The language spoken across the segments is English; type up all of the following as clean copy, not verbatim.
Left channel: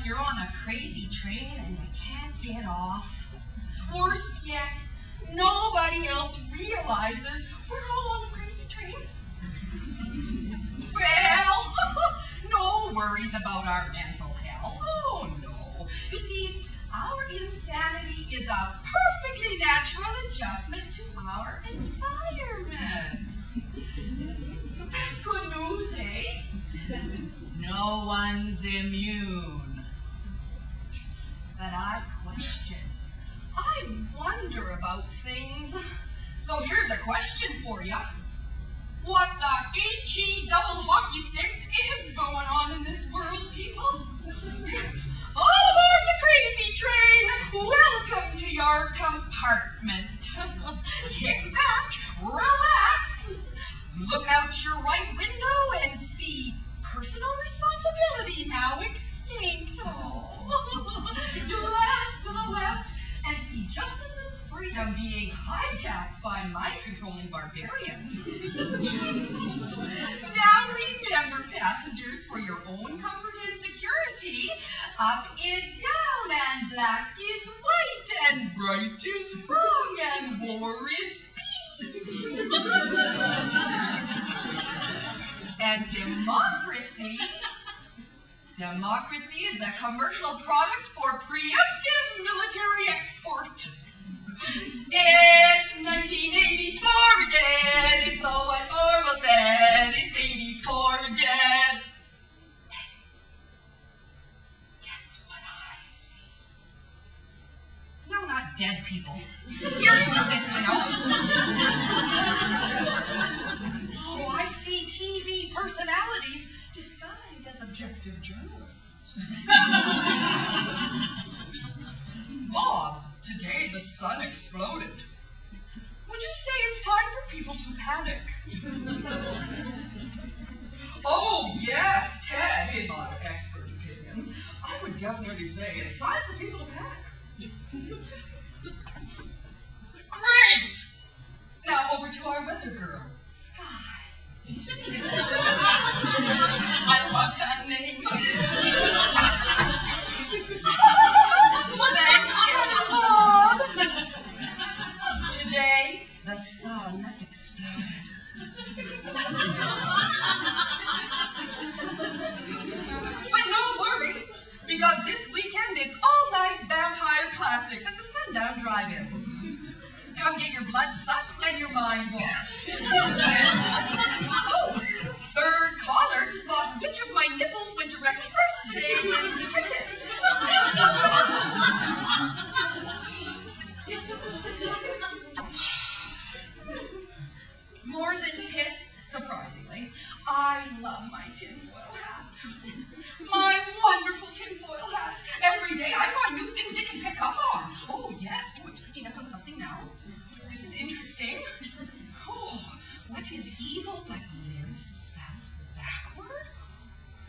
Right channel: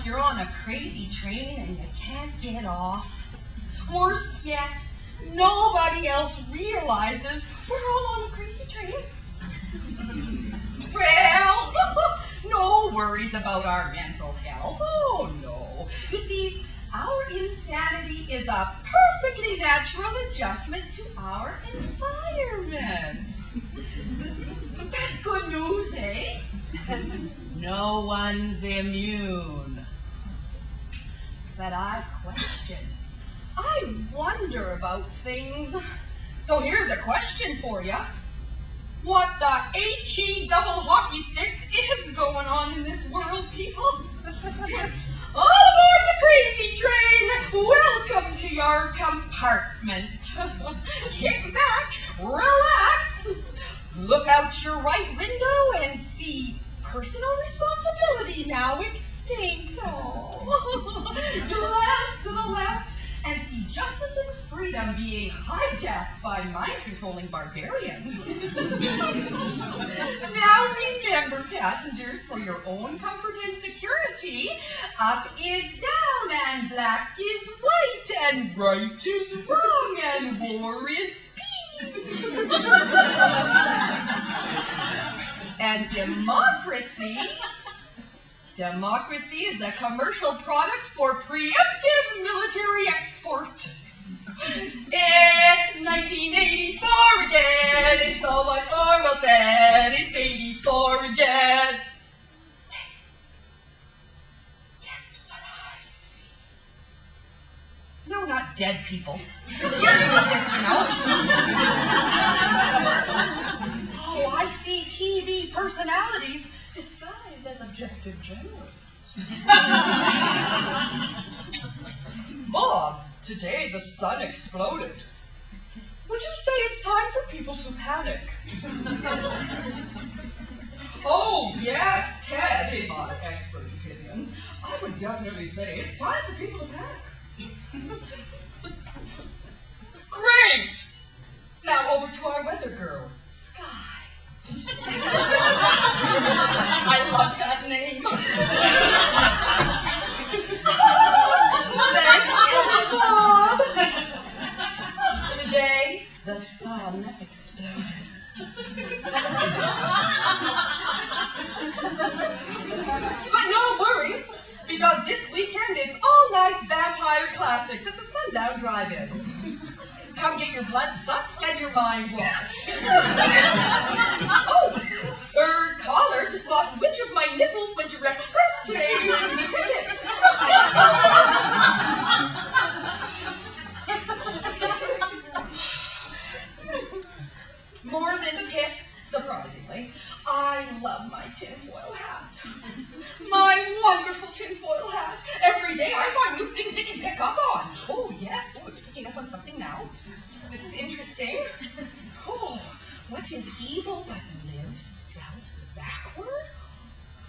like you're on a crazy train and you can't get off. Worse yet, nobody else realizes we're all on a crazy train. Well, no worries about our mental health. Oh, no. You see, our insanity is a perfectly natural adjustment to our environment. That's good news, eh? No one's immune. But I question. I wonder about things. So here's a question for you. What the H-E double hockey sticks is going on in this world, people? It's all aboard the crazy train. Welcome to your compartment. Kick back, relax, look out your right window and see personal responsibility now extinct. Oh. Glance to the left and see justice and freedom being hijacked by mind-controlling barbarians. Now remember, passengers, for your own comfort and security, up is down and black is white and right is wrong and war is peace. And democracy is a commercial product for preemptive military export. It's 1984 again, it's all like Orwell said, it's 84 again. Hey, guess what I see? No, not dead people. Hearing this, you know. Oh, I see TV personalities disguised as objective journalists. Bob, today the sun exploded. Would you say it's time for people to panic? Oh, yes, Ted, in my expert opinion, I would definitely say it's time for people to panic. Great! Now over to our weather girl, Sky. I love that name. Thanks, Bob. Today, the sun exploded. But no worries, because this weekend it's all-night vampire classics at the Sundown Drive-In. Come get your blood sucked and your mind washed. Oh, third caller to spot which of my nipples went direct first today wins tickets. More than tits, surprisingly, I love my tinfoil hat. My wonderful tinfoil hat. Every day I find new things it can pick up on. Oh, yes. Oh, it's picking up on something now. This is interesting. Oh, what is evil but live spelled backward?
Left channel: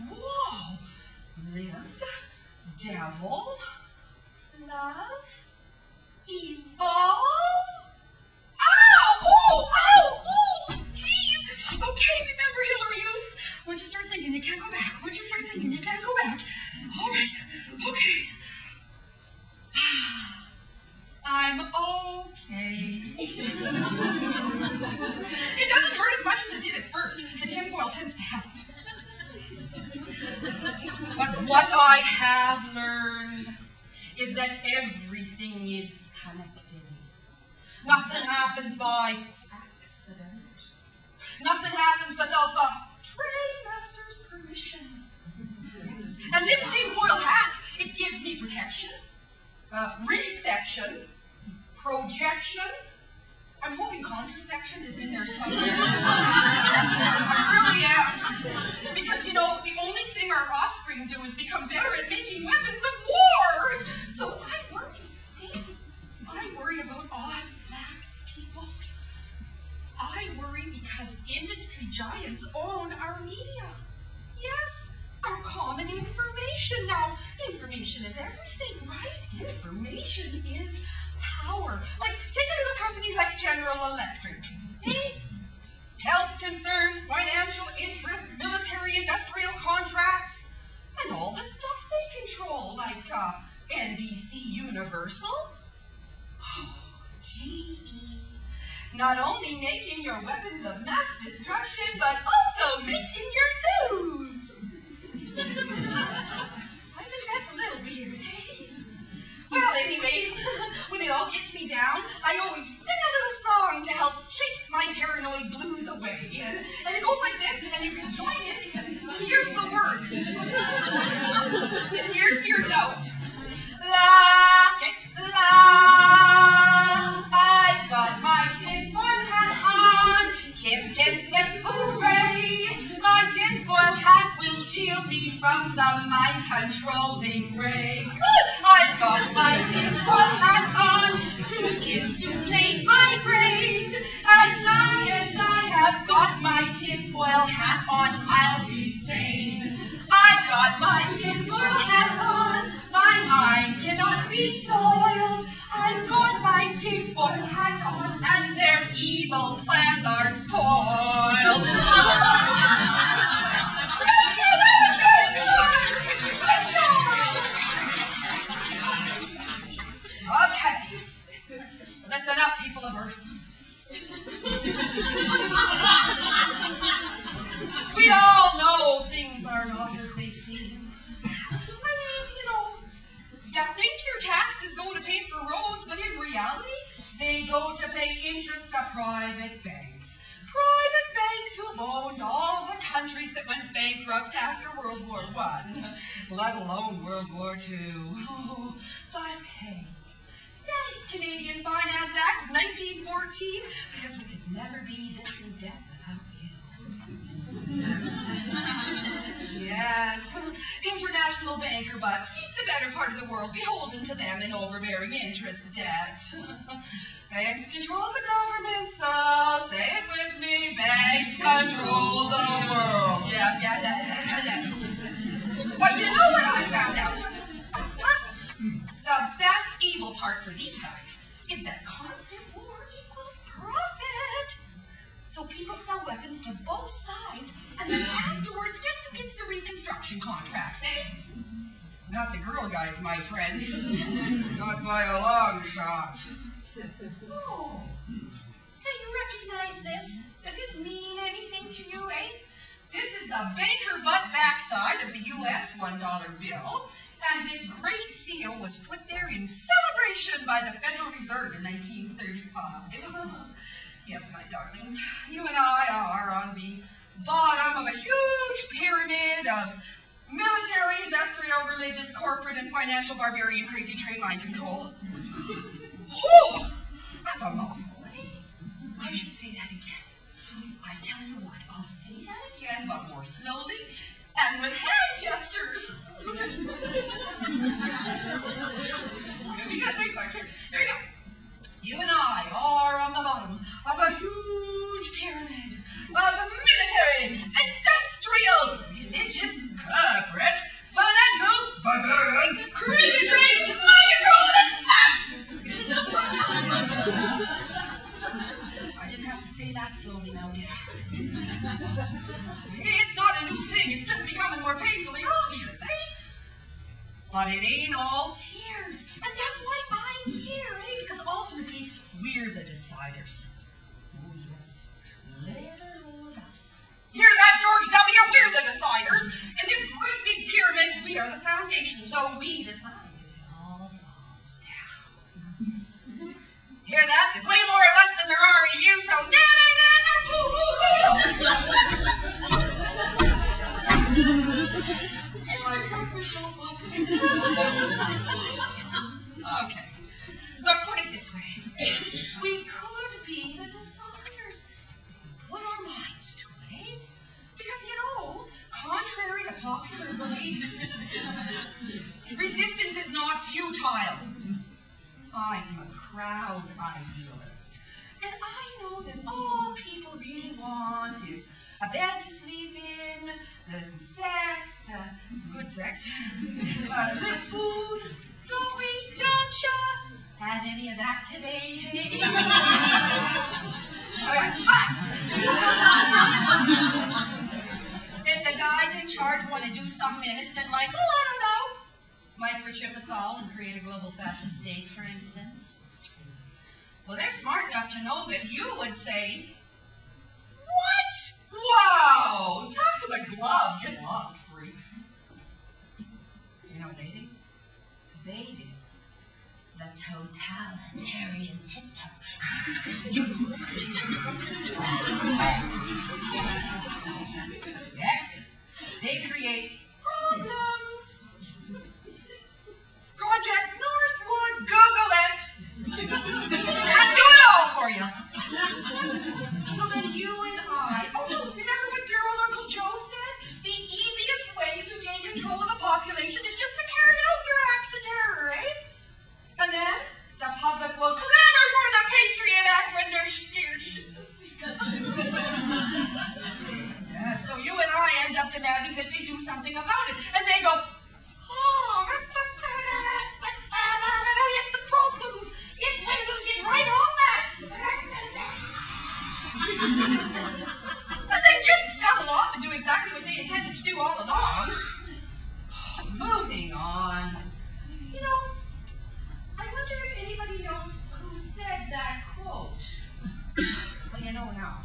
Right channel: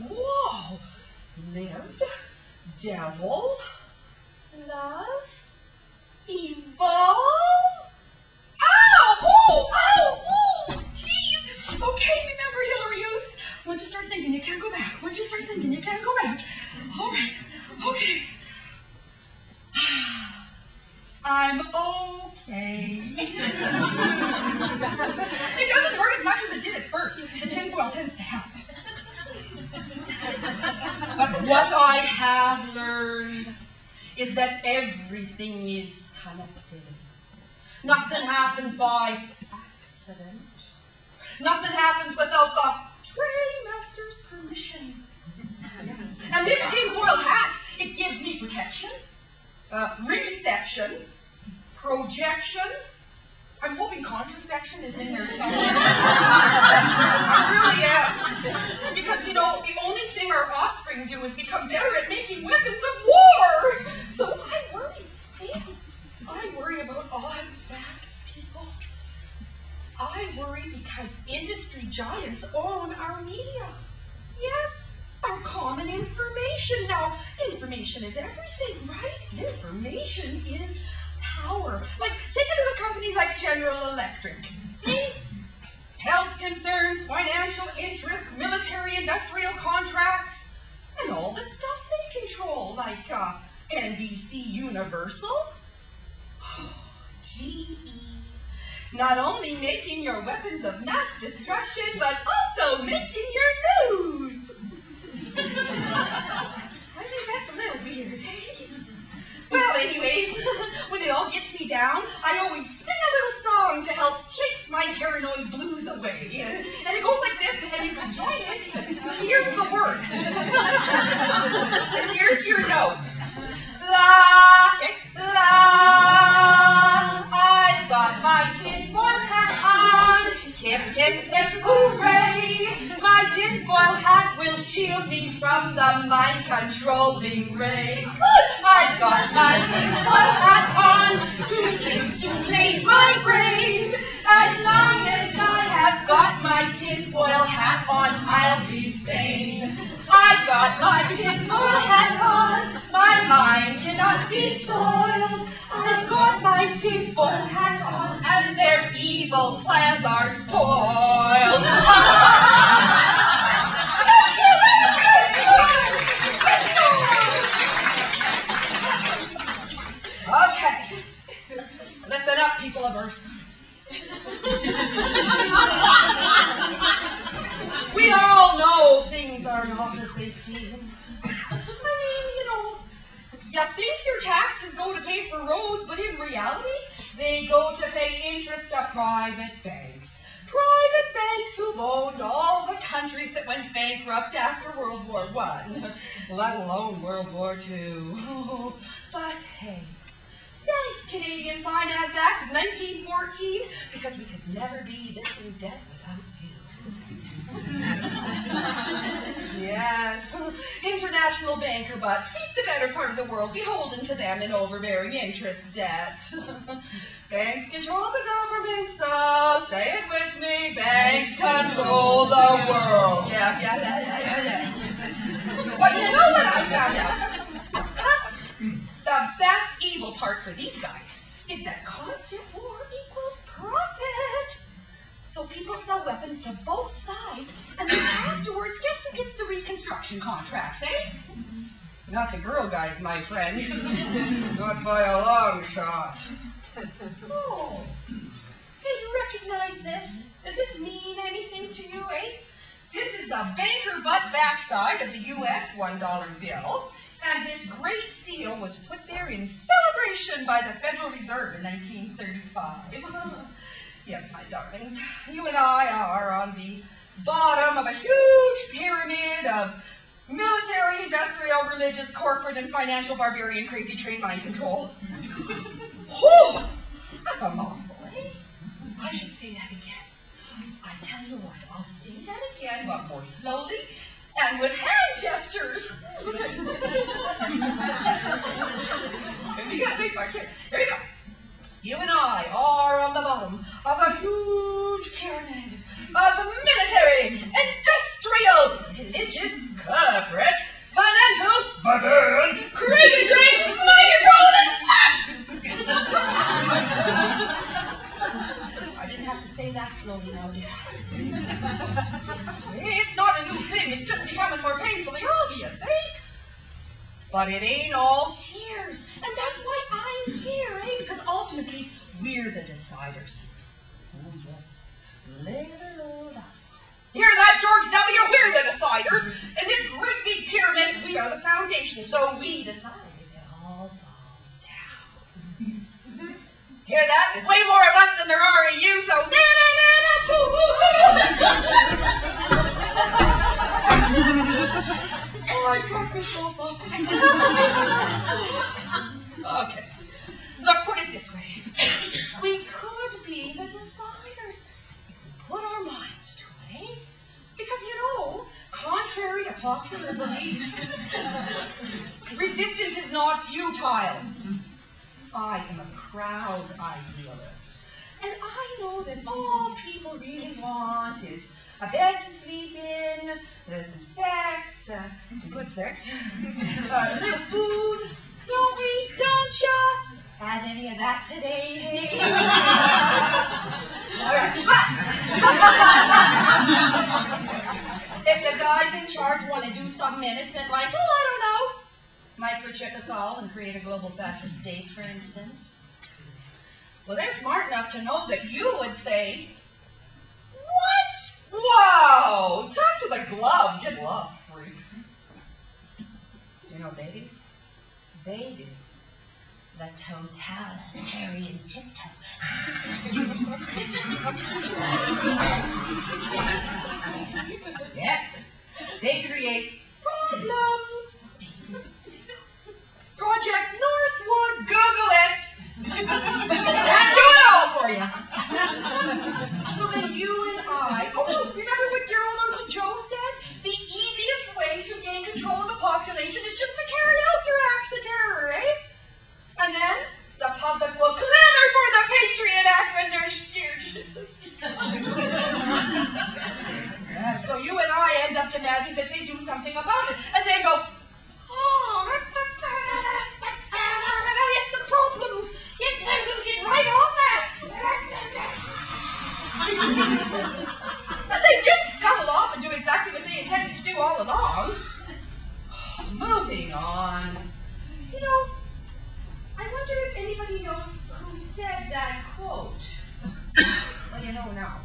Whoa. Lived, devil, love, evolve. Ow! Oh! Ow! Oh! Jeez! Okay, remember, Hilarioous. Once you start thinking, you can't go back. Once you start thinking, you can't go back. All right. Okay. I'm okay. It doesn't hurt as much as it did at first. The tinfoil tends to help. But what I have learned is that everything is connected. Nothing happens by accident. Nothing happens without the trainmaster's permission. Yes. And this tinfoil hat, it gives me protection, reception, projection. I'm hoping contraception is in there somewhere. I really am. Because, you know, the only thing our offspring do is become better at making weapons of war. So I worry. I worry about odd facts, people. I worry because industry giants own our media. Yes, our common information. Now, information is everything, right? Information is power. Like, take another company like General Electric. Eh? Health concerns, financial interests, military industrial contracts, and all the stuff they control, like NBC Universal. GE. Not only making your weapons of mass destruction, but also making your news. I think that's a little weird, hey? Well, anyways, when it all gets me down, I always sing a little song to help chase my paranoid blues away. And it goes like this, and you can join in because here's the words. And here's your note. La, okay, la, I've got my tinfoil hat on. Hip, hip, hip, hooray. My tinfoil hat will shield me from the mind-controlling ray. Good, I've got my tinfoil hat on to insulate my brain. As long as I have got my tinfoil hat on, I'll be sane. I've got my tinfoil hat on. My mind cannot be soiled. I've got my tinfoil hat on, and their evil plans are spoiled. Okay, listen up, people of Earth. We all know things are not as they seem. I mean, you know, you think your taxes go to pay for roads, but in reality, they go to pay interest to private banks. Private banks who've owned all the countries that went bankrupt after World War I, let alone World War II. Oh, but hey, thanks, Canadian Finance Act of 1914, because we could never be this in debt without you. Yes, international banker butts keep the better part of the world beholden to them in overbearing interest debt. Banks control the government, so say it with me, banks control the world. Yes. But you know what I found out? The best evil part for these guys is that constant war equals profit. So people sell weapons to both sides, and then afterwards, guess who gets the reconstruction contracts, eh? Not the Girl Guides, my friends. Not by a long shot. Oh, hey, you recognize this? Does this mean anything to you, eh? This is the banker butt backside of the U.S. $1 bill, and this great seal was put there in celebration by the Federal Reserve in 1935. Yes, my darlings, you and I are on the bottom of a huge pyramid of military, industrial, religious, corporate, and financial barbarian crazy train mind control. Oh, that's a mouthful, eh? I should say that again. I tell you what, I'll say that again, but more slowly and with hand gestures. It's gonna be good, big fuck. Here we go. You and I are on the bottom of a huge pyramid of military, industrial, religious, corporate, financial, barbarian, crazy train, mind control, and sex! I didn't have to say that slowly now, did I? It's not a new thing, it's just becoming more painfully obvious, eh? But it ain't all tears, and that's why I'm here, eh? Because ultimately, we're the deciders. Oh, yes, little old us. Hear that, George W? We're the deciders. In this great big pyramid, we are the foundation, so we decide if it all falls down. Hear that? There's way more of us than there are of you, so Oh, I cracked myself up. Okay. Look, put it this way. We could be the deciders if we put our minds to it, eh? Because, you know, contrary to popular belief, resistance is not futile. I am a proud idealist. And I know that all people really want is a bed to sleep in, some sex, some good sex, a little food, don't we? Don't ya? Had any of that today, hey? All right, but if the guys in charge want to do something innocent like, oh, I don't know, microchip us all and create a global fascist state, for instance? Well, they're smart enough to know that you would say, what? Wow, talk to the glove, get lost, freaks. So you know what they do? They do the totalitarian tiptoe. Yes, they create problems. Project Northwood, Google it. I'll do it all for you. So then you and I, oh no, remember what dear old Uncle Joe said? The easiest way to gain control of a population is just to carry out your acts of terror, eh? And then the public will clamor for the Patriot Act when they're scared shitless. Yeah, so you and I end up demanding that they do something about it. And they go, oh, yes, the problems. Yes, well, we'll get right on that. But they just scuttle off and do exactly what they intended to do all along. Moving on. You know, I wonder if anybody knows who said that quote. Well, you know now.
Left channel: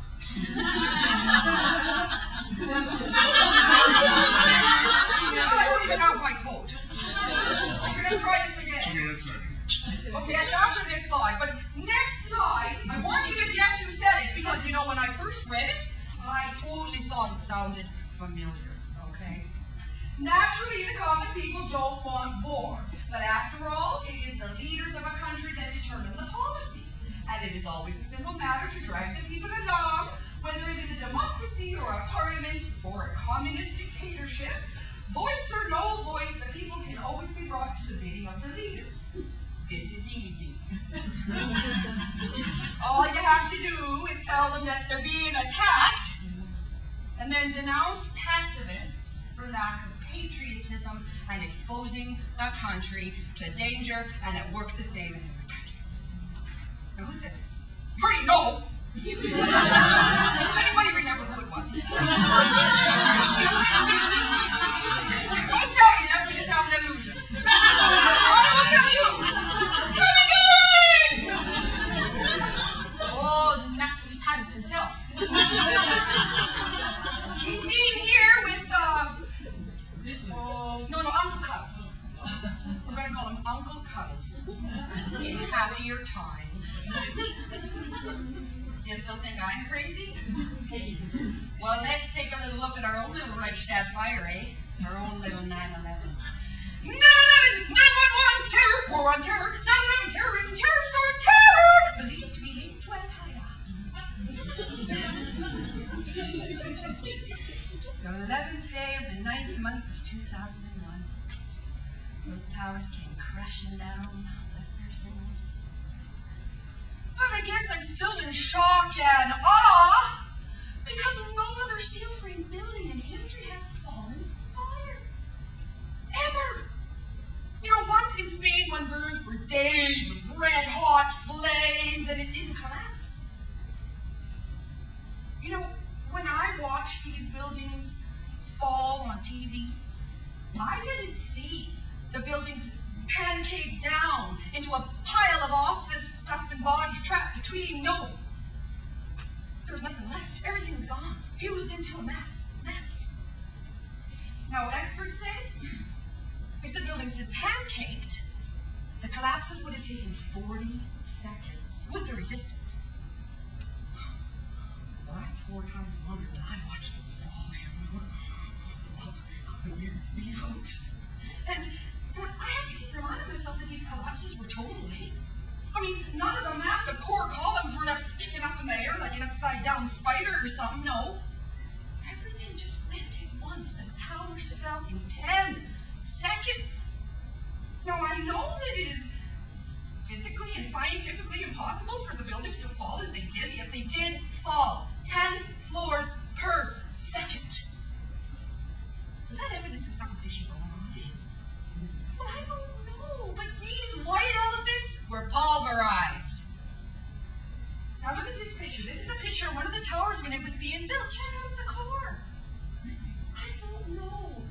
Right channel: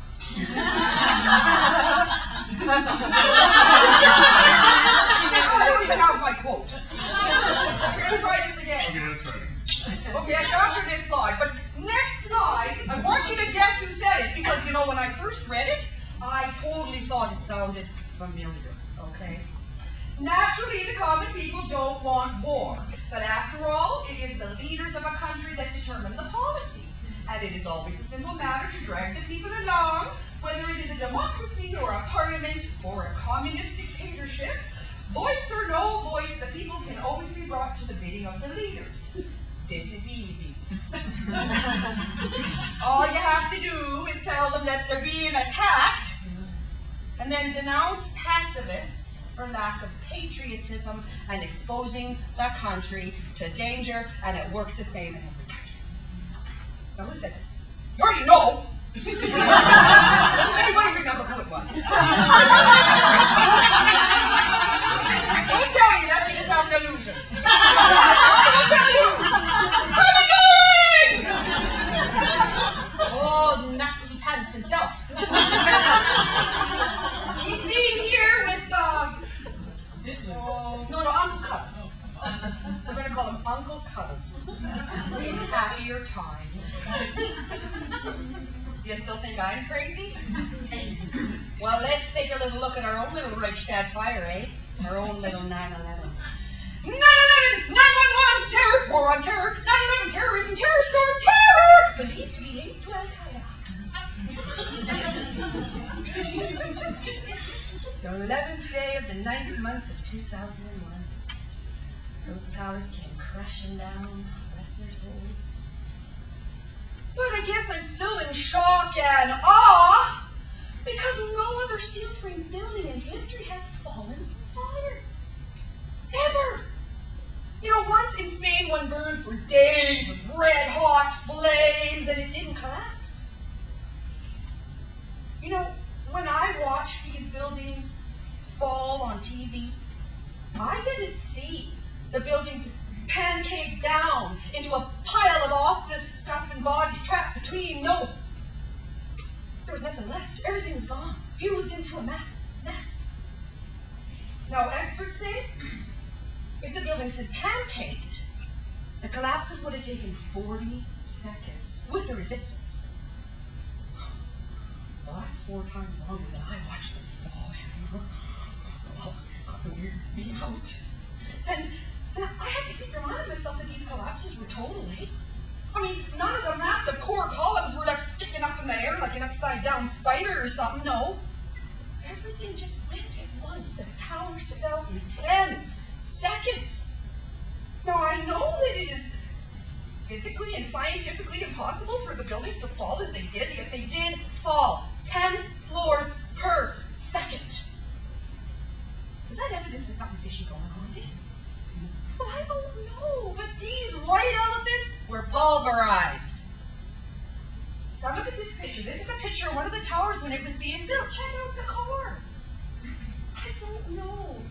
I don't even have my quote. We're going to try this again. Okay, let's try it. Okay, it's after this slide, but next slide, I want you to guess who said it, because, you know, when I first read it, I totally thought it sounded familiar, okay? Naturally, the common people don't want war, but after all, it is the leaders of a country that determine the policy, and it is always a simple matter to drag the people along, whether it is a democracy or a parliament or a communist dictatorship. Voice or no voice, the people can always be brought to the bidding of the leaders. This is easy. All you have to do is tell them that they're being attacked, and then denounce pacifists for lack of patriotism and exposing the country to danger, and it works the same in every country. Now, who said this? You already know. Does anybody remember who it was? Don't tell me that, you just have an illusion. I will tell you. Oh, Nazi pants himself. He's seen here with, Uncle Cuddles. We're going to call him Uncle Cuddles in happier times. Do you still think I'm crazy? Well, let's take a little look at our own little Reichstag fire, eh? Our own little 9/11. 9/11, 9/11, terror, war on terror, 9/11, terrorism, terror storm, terror, believed to be linked to Al-Qaeda. The 11th day of the 9th month of 2001. Those towers came crashing down, bless their souls. But I guess I'm still in shock and awe, because no other steel frame building in history has fallen from fire. Ever. You know, once in Spain, one burned for days with red hot flames and it didn't collapse. You know, when I watched these buildings fall on TV, I didn't see the buildings pancake down into a pile of office stuff and bodies trapped between. No. There was nothing left. Everything was gone, fused into a mess. Now, experts say, if the buildings had pancaked, the collapses would have taken 40 seconds with the resistance. Well, that's 4 times longer than I watched them fall. So it weirds me out. And I have to keep reminding myself that these collapses were total, eh? I mean, none of the massive core columns were left sticking up in the air like an upside-down spider or something, no. Everything just went at once. The towers fell in 10 seconds. Now, I know that it is physically and scientifically impossible for the buildings to fall as they did, yet they did fall 10 floors per second. Is that evidence of something fishy going on, eh? Well, I don't know, but these white elephants were pulverized. Now look at this picture. This is a picture of one of the towers when it was being built. Check out the core. I don't know.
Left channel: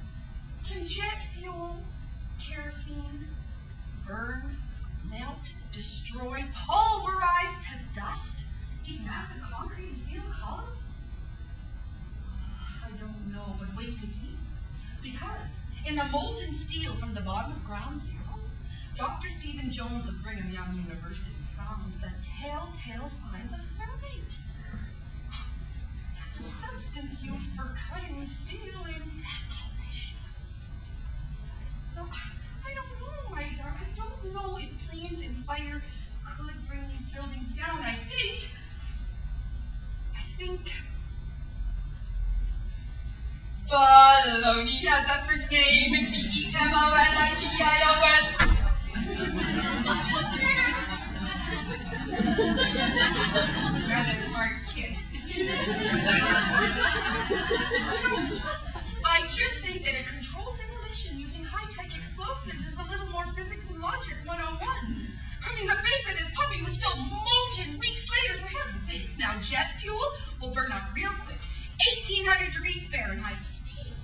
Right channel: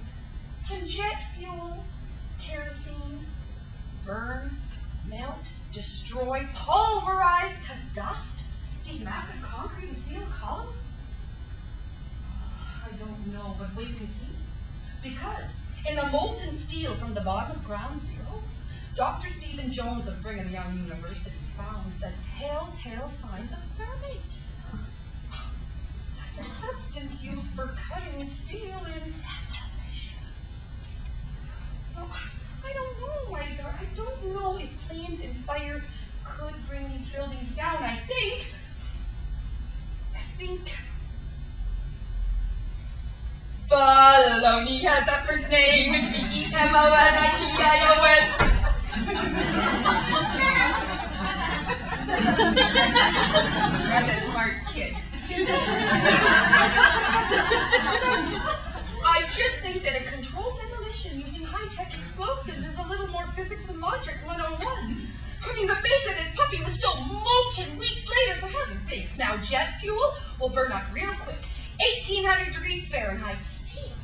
Can jet fuel kerosene, burn, melt, destroy, pulverize to dust these massive concrete and steel columns? I don't know, but wait and see. Because in the molten steel from the bottom of Ground Zero, Dr. Stephen Jones of Brigham Young University found the telltale signs of thermate. That's a substance used for cutting steel in demolitions. No, I don't know, my darling. I don't know if planes and fire could bring these buildings down. I think Baloney has a first name. It's D-E-M-O-N-I-T-I-O-N. That's a smart kid. I just think that a controlled demolition using high-tech explosives is a little more physics and logic 101. I mean, the base of this puppy was still molten weeks later, for heaven's sakes. Now, jet fuel will burn up real quick. 1800 degrees Fahrenheit. Steel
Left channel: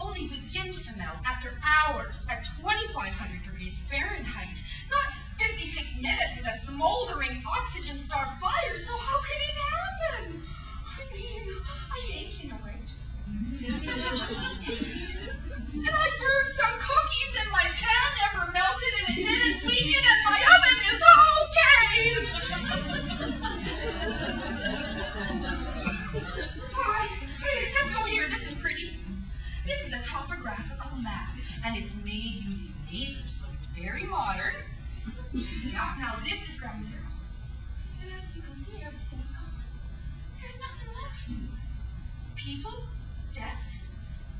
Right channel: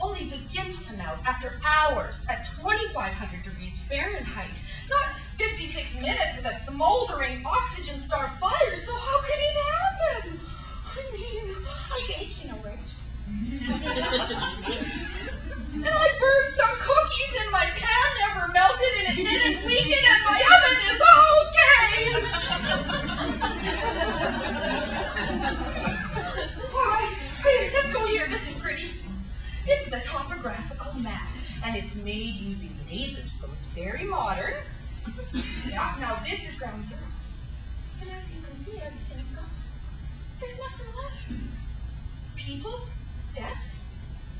only begins to melt after hours at 2500 degrees Fahrenheit. Not 56 minutes with a smoldering oxygen star fire. So how could it happen? I mean, I bake, you know, right? And I burned some cookies and my pan never melted and it didn't weaken and my oven is okay. All right, let's go here. This is pretty. This is a topographical map and it's made using lasers, so it's very modern. Yeah, now this is Ground Zero. And as you can see, everything's gone. There's nothing left. People, desks,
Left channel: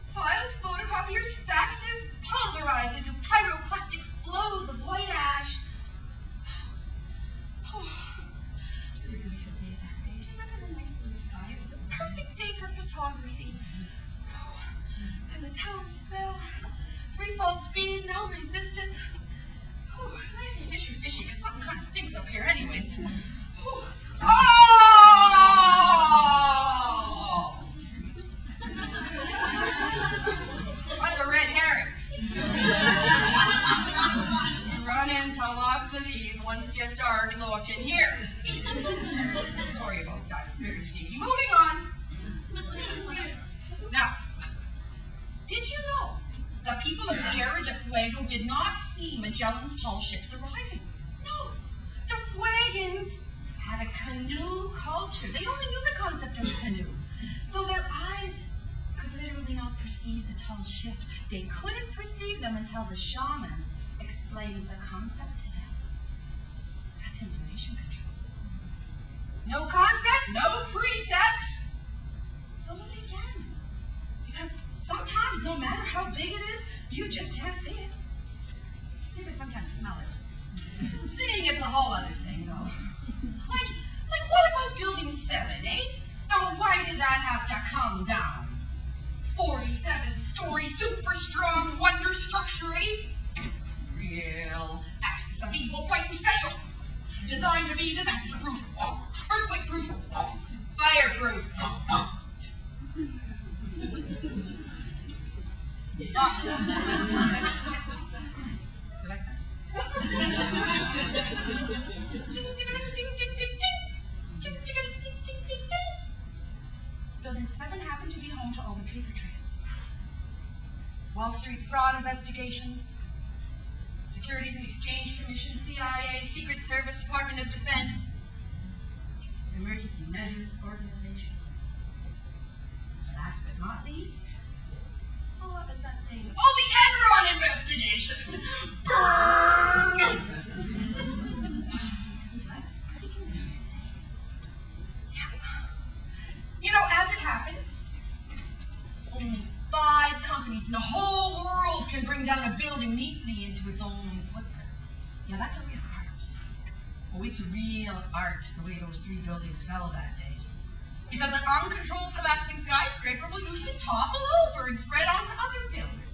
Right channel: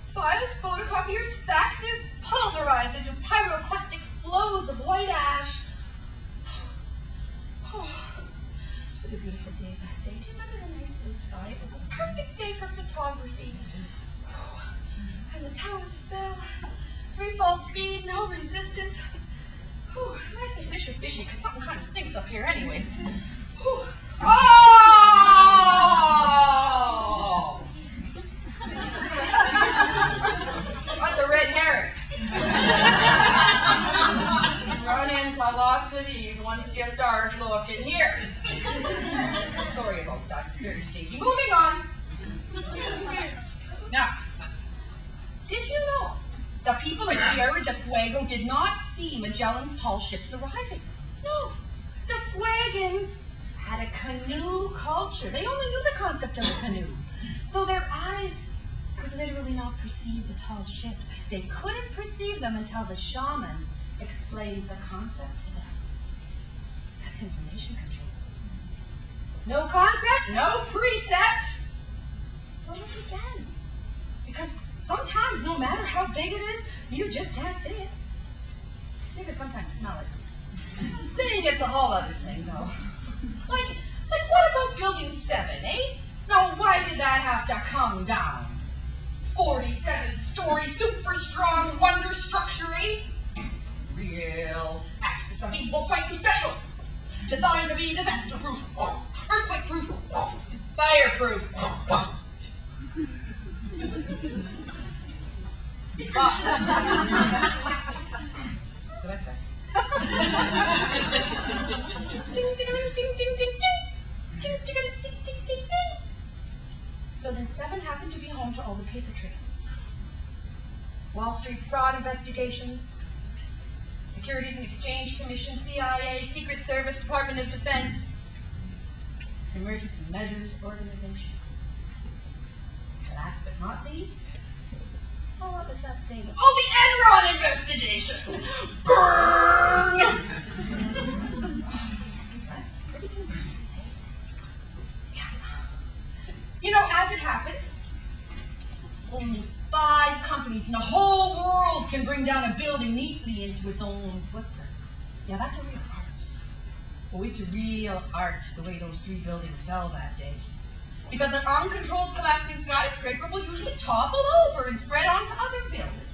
files, photocopiers, faxes, pulverized into pyroclastic flows of white ash. Oh, it was a beautiful day that day. Do you remember the nice blue sky? It was a perfect day for photography. And the towers fell. Free fall speed, no resistance. Oh, and I say fishy, because something kind of stinks up here anyways. Oh! That's a red herring. You run into lots of these once you start looking here. Sorry about that, it's very stinky. Moving on. Now, did you know the people of Tierra del Fuego did not see Magellan's tall ships arriving? No, the Fuegans had a canoe culture. They only knew the concept of a canoe. So their eyes could literally not perceive the tall ships. They couldn't perceive them until the shaman explained the concept to them. That's information control. No concept, no precept. So look again. Because sometimes, no matter how big it is, you just can't see it. You can sometimes smell it. Seeing it's a whole other thing, though. Like what about Building 7, eh? Now, why did that have to come down? 47-story, super strong wonder structure, eh? Real axis of evil fighting special. Designed to be disaster-proof, earthquake-proof, fire-proof. But, you like that? Building 7 happened to be home to all the paper trails. Wall Street fraud investigations, Securities and Exchange Commission, CIA, Secret Service, Department of Defense, Emergency Measures Organization. Last but not least, oh, what was that thing? Oh, the Enron investigation! Burn! That's pretty convenient, eh? Yeah. You know, as it happens, only 5 companies in the whole world can bring down a building neatly into its own footprint. Yeah, that's a real art. Oh, it's a real art, the way those 3 buildings fell that day. Because an uncontrolled collapsing skyscraper will usually topple over and spread onto other buildings.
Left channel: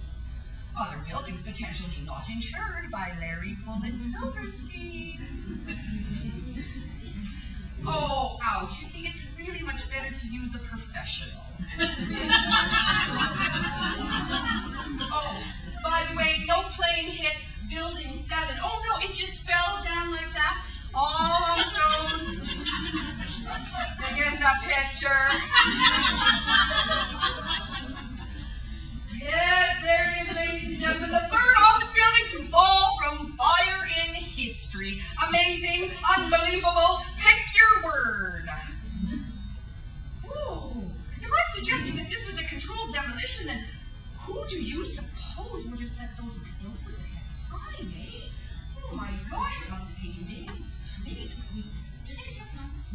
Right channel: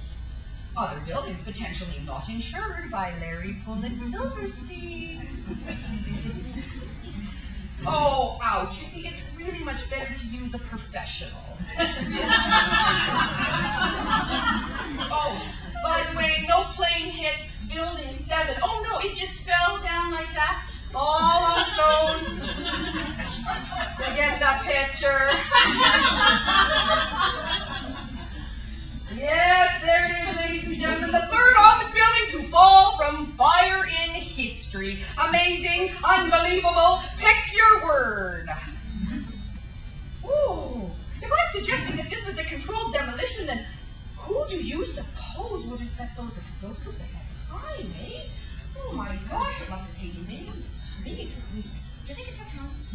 Other buildings potentially not insured by Larry Pullet Silverstein. Oh, ouch. You see, it's really much better to use a professional. Oh, but By the way, no plane hit Building 7. Oh no, it just fell down like that, all on its own. You get the picture. Yes, there it is, ladies and gentlemen. The third office building to fall from fire in history. Amazing, unbelievable, pick your word. Ooh, if I'm suggesting that this was a controlled demolition, then who do you suppose would have set those explosives ahead of time, eh? Oh my gosh, it must have taken days. Maybe it took weeks. Do you think it took months?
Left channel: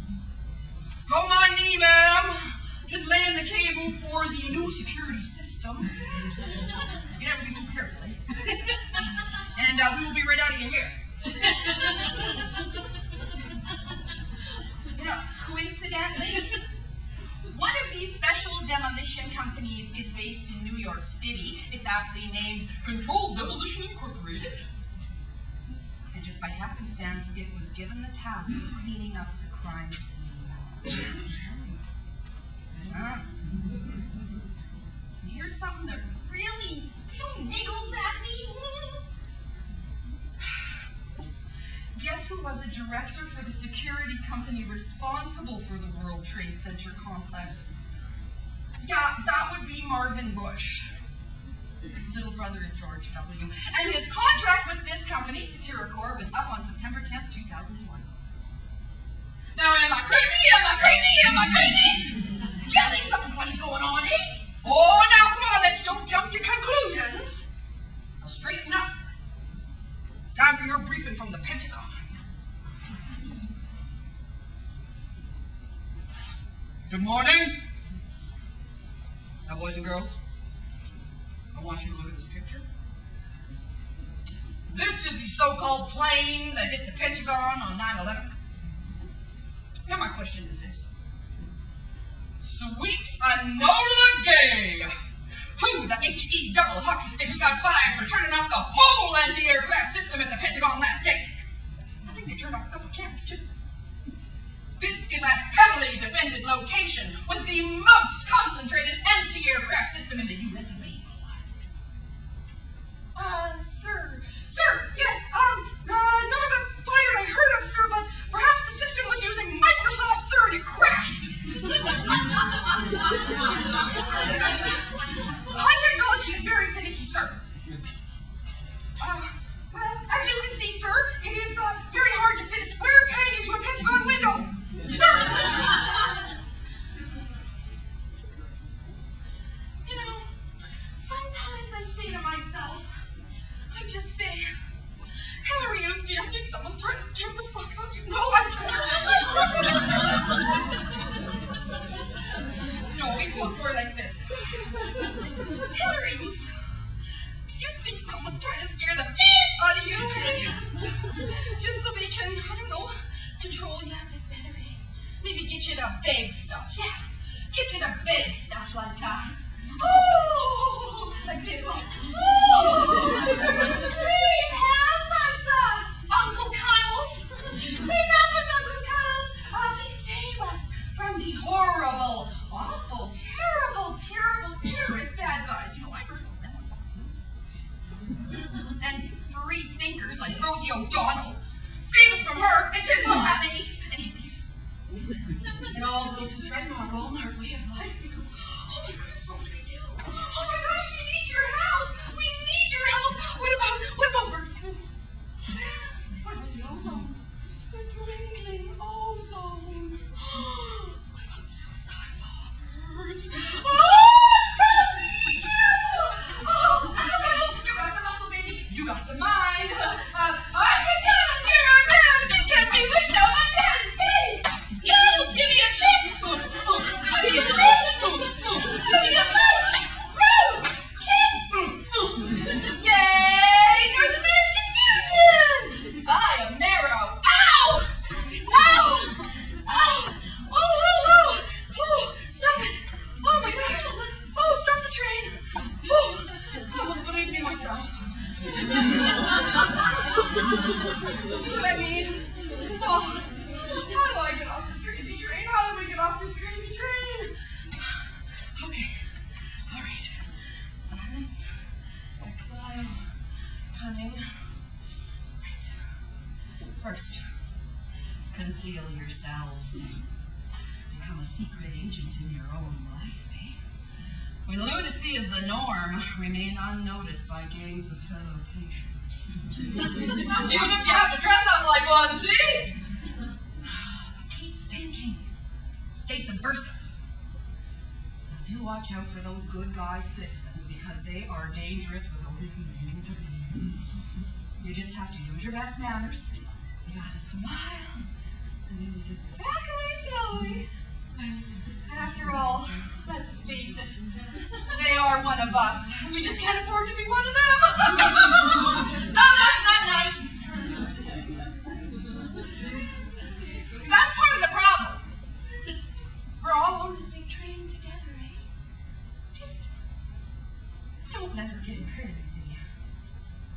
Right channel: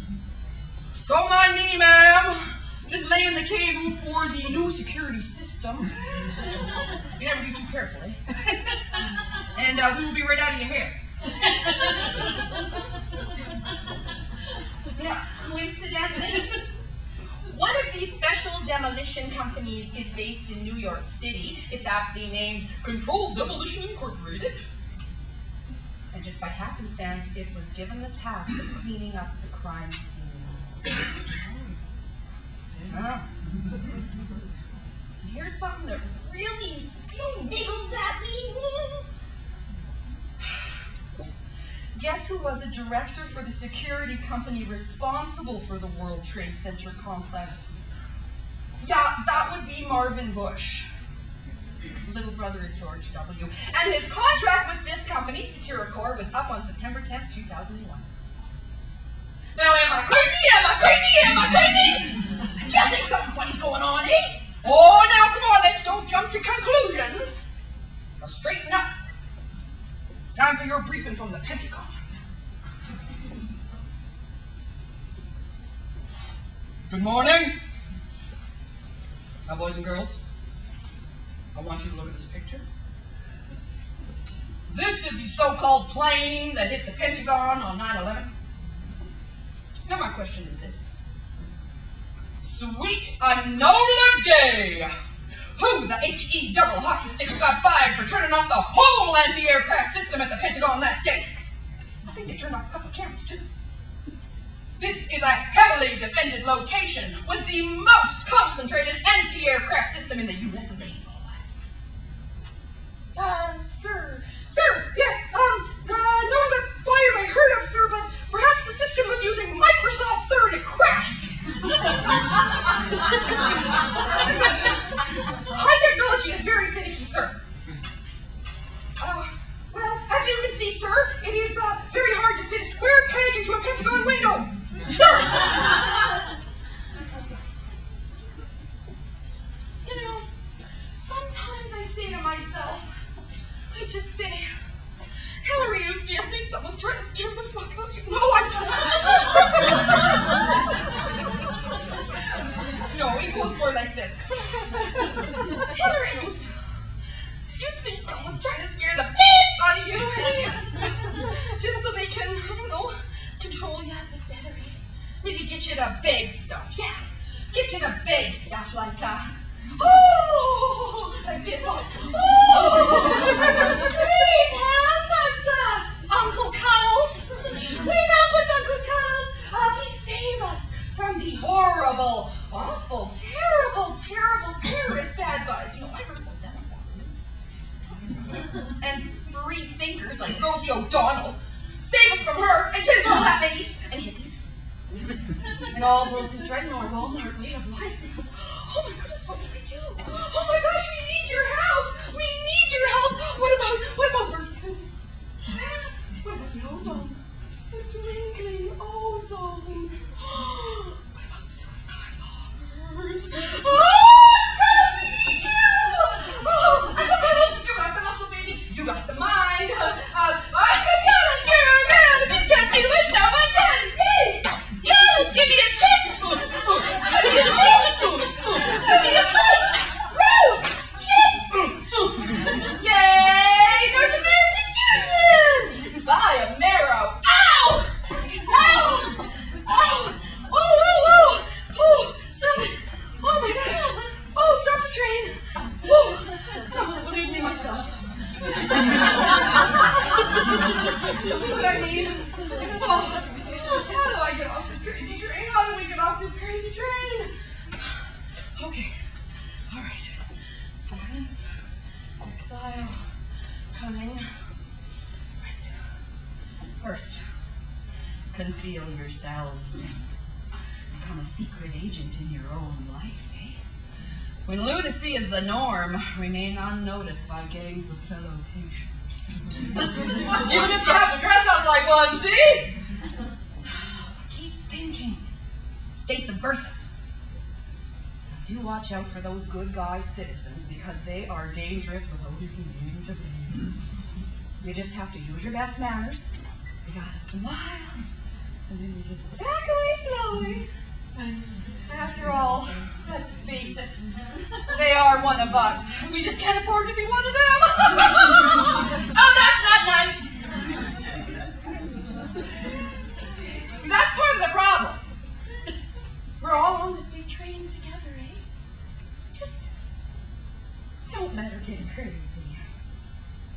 Don't mind me, ma'am. Just laying the cable for the new security system. You never be too careful, eh? And we will be right out of your hair. You know, coincidentally, one of these special demolition companies is based in New York City. It's aptly named Controlled Demolition Incorporated. And just by happenstance, it was given the task of cleaning up the crime scene. Here's something that really, niggles at me. Guess who was a director for the security company responsible for the World Trade Center complex? Yeah, that would be Marvin Bush, little brother of George W. And his contract with this company, Securicor, was up on September 10th, 2001. Now, am I crazy? Am I crazy? Am I crazy? Do you think something funny's going on, eh? Oh, now, come on, let's don't jump to conclusions. Now, straighten up. It's time for your briefing from the Pentagon. Good morning. Now, boys and girls, I want you to look at this picture. This is the so-called plane that hit the Pentagon on 9/11. Now, my question is this. Sweet Enola Gay! Who the H-E double hockey sticks got fired for turning off the whole anti-aircraft system at the Pentagon that day? I think they turned off a couple of cameras, too. This is a heavily defended location with the most concentrated anti-aircraft system in the U.S. of A. Sir, yes, no one got fired I heard of, sir, but perhaps the system was using Microsoft, sir, and it crashed. High technology is very finicky, sir. Well, as you can see, sir, it is very hard to fit a square peg into a Pentagon window. Sir! You know, sometimes I say to myself, I just say, Hilarioous, do you think someone's trying to scare the fuck out of you? No, I don't. No, it goes more like this. Hilarioous, do you think someone's trying to scare the beep out of you? Just so they can, I don't know, control you a bit better, eh? Maybe get you to beg stuff, yeah. Get you to beg stuff like, oh, like this, oh, please help us, Uncle Cuddles. Please help us, Uncle Cuddles. Please save us from the horrible, awful, terrible, terrorist bad guys. You know, I heard about them on Fox News. And free thinkers like Rosie O'Donnell. Save us from her and tinfoil hat ladies and hippies. And all those who threaten our Walmart way of life because, oh my goodness, what will we do? Oh my gosh, we need your help. We need your help. What about Earth? What about the ozone? The dwindling ozone. What about suicide bombers? Oh, we need you. Oh, and look at us. You got the muscle, baby. You got the mind. I can tell us you're a man. If you can't do it, no one can. Hey, Cuddles, give me a chick. Give me a chick. Give me a fight. Row. Chip. Yay, North American Union. Buy a marrow. Ow. Ow. Ow. Oh, stop it. Oh my God. Conceal yourselves. Become a secret agent in your own life, eh? When lunacy is the norm, remain unnoticed by gangs of fellow patients. Even if you have to dress up like one, see? But keep thinking. Stay subversive. Now do watch out for those good guy citizens, because they are dangerous without even meaning to be. You just have to use your best manners. You gotta smile, and then you just back away slowly. After all, let's face it, they are one of us. We just can't afford to be one of them. No, that's not nice. See, that's part of the problem. We're all on this big train together, eh? Just don't let her get crazy.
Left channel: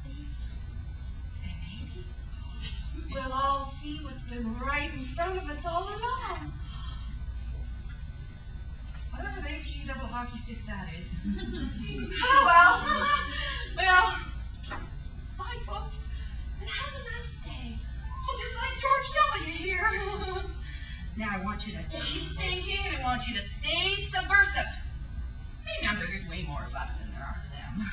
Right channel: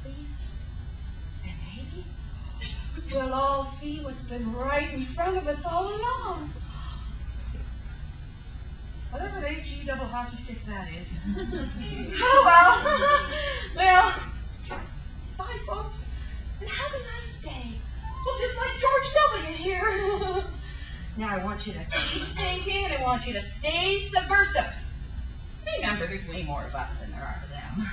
Please. And maybe we'll all see what's been right in front of us all along. Whatever the HE double hockey sticks that is. Oh, well. Well, bye, folks. And have a nice day. Well, just like George W. here. Now, I want you to keep thinking, and I want you to stay subversive. Remember, there's way more of us than there are of them.